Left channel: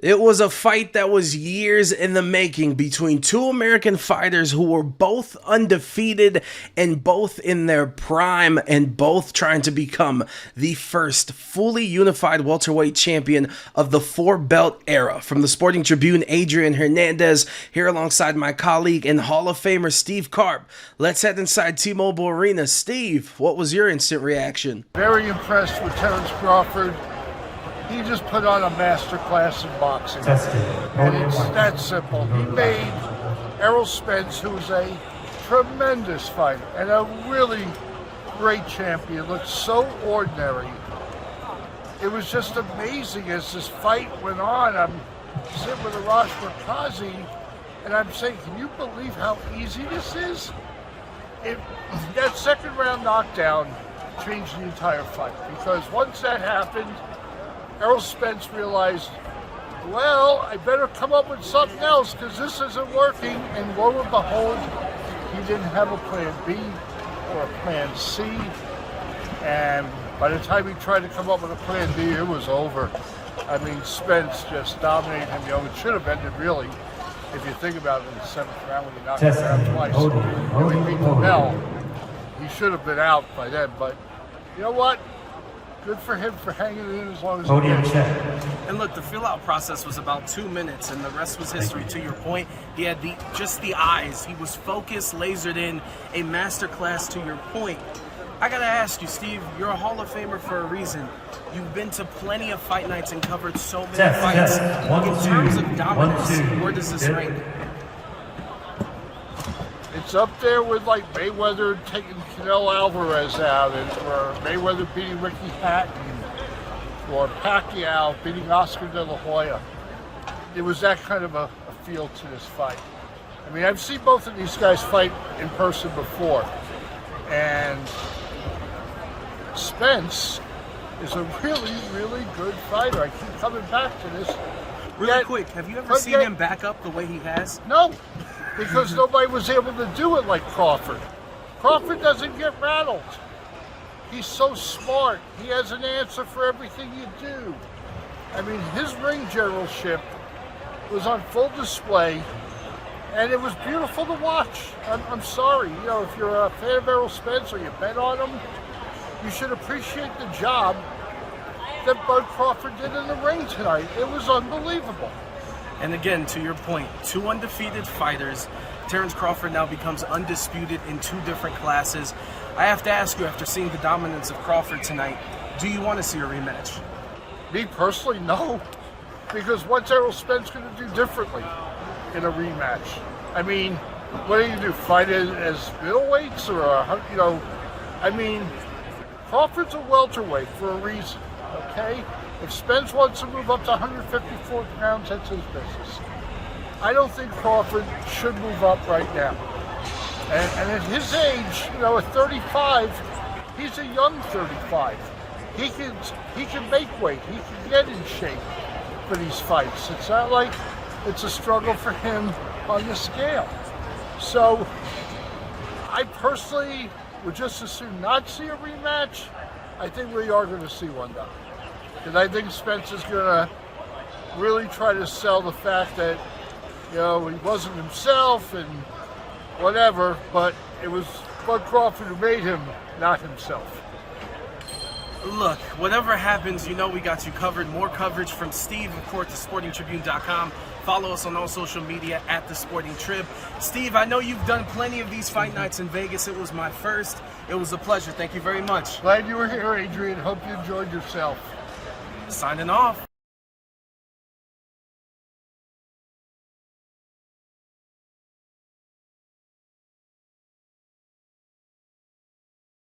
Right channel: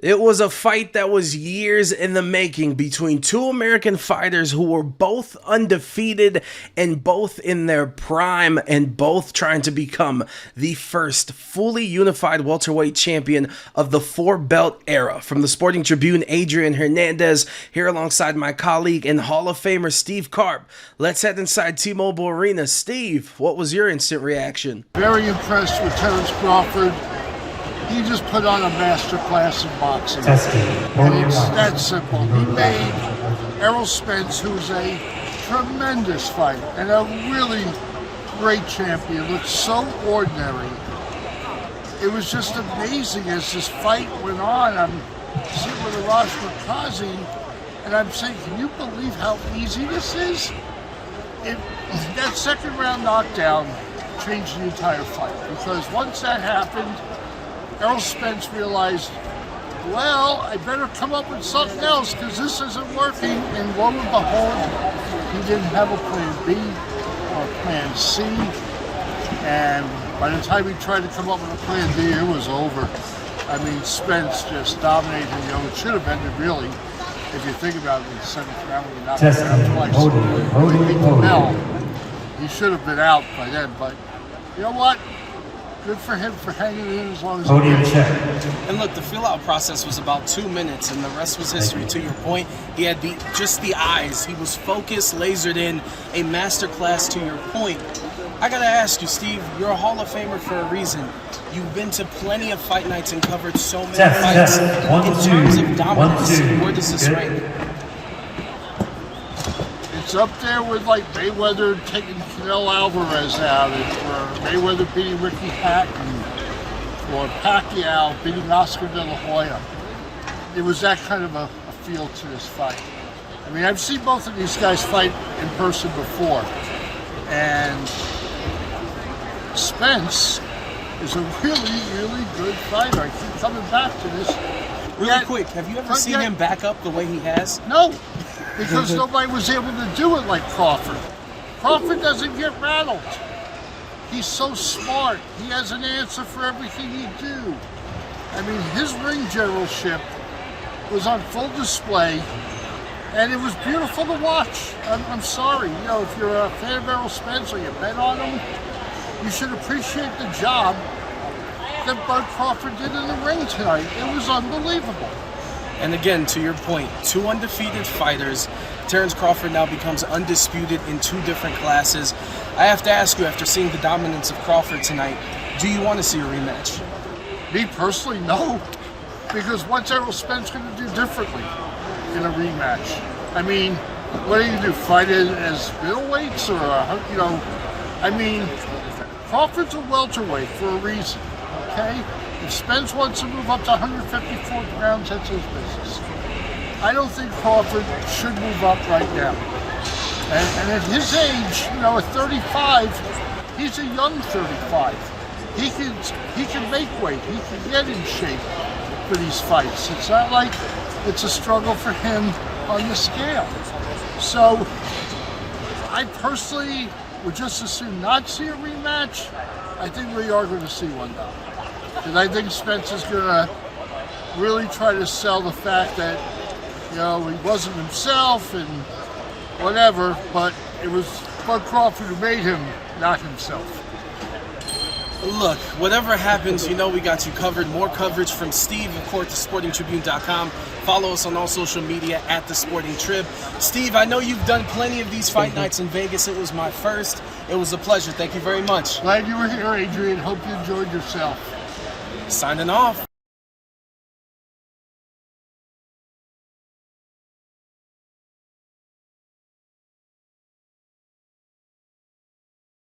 It was a fight that was years in the making between two American fighters who were both undefeated and both in their prime and both trying to become the first fully unified welterweight champion of the four-belt era. From the Sporting Tribune, Adrian Hernandez here alongside my colleague and Hall of Famer Steve Karp. Let's head inside T-Mobile Arena. Steve, what was your instant reaction? Very impressed with Terrence Crawford. He just put on a master class in boxing. It's that simple. He made Errol Spence, who's a tremendous fighter and a really great champion, look so ordinary. It was just amazing as this fight went on. I'm sitting with Arash Markazi, and I'm saying, can you believe how easy this is? That second round knockdown changed the entire fight, because once that happened, Errol Spence realized, well, I better come up with something else because this isn't working. And lo and behold, he didn't have a plan B or a plan C. And by the time he tried to come up with a plan B, it was over. I mean, Spence just dominated him. You know, it should have ended really, if you think about it, in the seventh round when he knocked him out twice. He should have been out by then. But you know what? Good for him for hanging in as long as he did. Check. And look, the fill-out process was about 2 minutes, and the rest was history. To your point, he had just the eyes. He was focused, lasered in, a masterclass. To your point, I gotta ask you, Steve, you're a Hall of Famer for a reason. You've been to plenty of fight nights and covered so many fights. In terms of dominance, where does this rank? It's up there with like Mayweather taking Canelo Alvarez out, or Mayweather beating Ricky Hatton, or Pacquiao beating Oscar De La Hoya. It was that kind of a feel to this fight. I mean, I've seen both of these guys fight in person before, and Spence is a really, really good fighter. I keep coming back to this. Really quick, have you ever seen him back up the way he has? No, because nobody was able to do it like Crawford. Crawford doesn't get rattled. He's so smart. He has an answer for everything you do. I mean, his ring generalship was on full display, and it was beautiful to watch. I'm sorry, you know, if you're a fan of Errol Spence or you bet on him, you should appreciate the job that Bud Crawford did in the ring tonight. It was unbelievable. And again, to your point, two undefeated fighters. Terrence Crawford now becomes undisputed in two different classes. I have to ask you, after seeing the dominance of Crawford tonight, do you want to see a rematch? Me personally, no. Because what's Errol Spence going to do differently in a rematch? I mean, what are you going to do, fight it as middleweights or, you know, I mean, Crawford's a welterweight for a reason. Okay? If Spence wants to move up to 154 pounds, that's his business. I don't think Crawford should move up right now. And at his age, you know, at 35, he's a young 35. He can make weight. He can get in shape for these fights. It's not like it's a struggle for him on the scale. So I personally would just as soon not see a rematch. I think we are going to see one now. Because I think Spence is going to really try to sell the fact that, you know, he wasn't himself and whatever, but it was Bud Crawford who made him not himself. Look, whatever happens, you know we got you covered. More coverage from Steve, of course, at sportingtribune.com. Follow us on all social media at The Sporting Trib. Steve, I know you've done plenty of these fight nights in Vegas. It was my first. It was a pleasure. Thank you very much. Glad you were here, Adrian. Hope you enjoyed yourself. Signing off.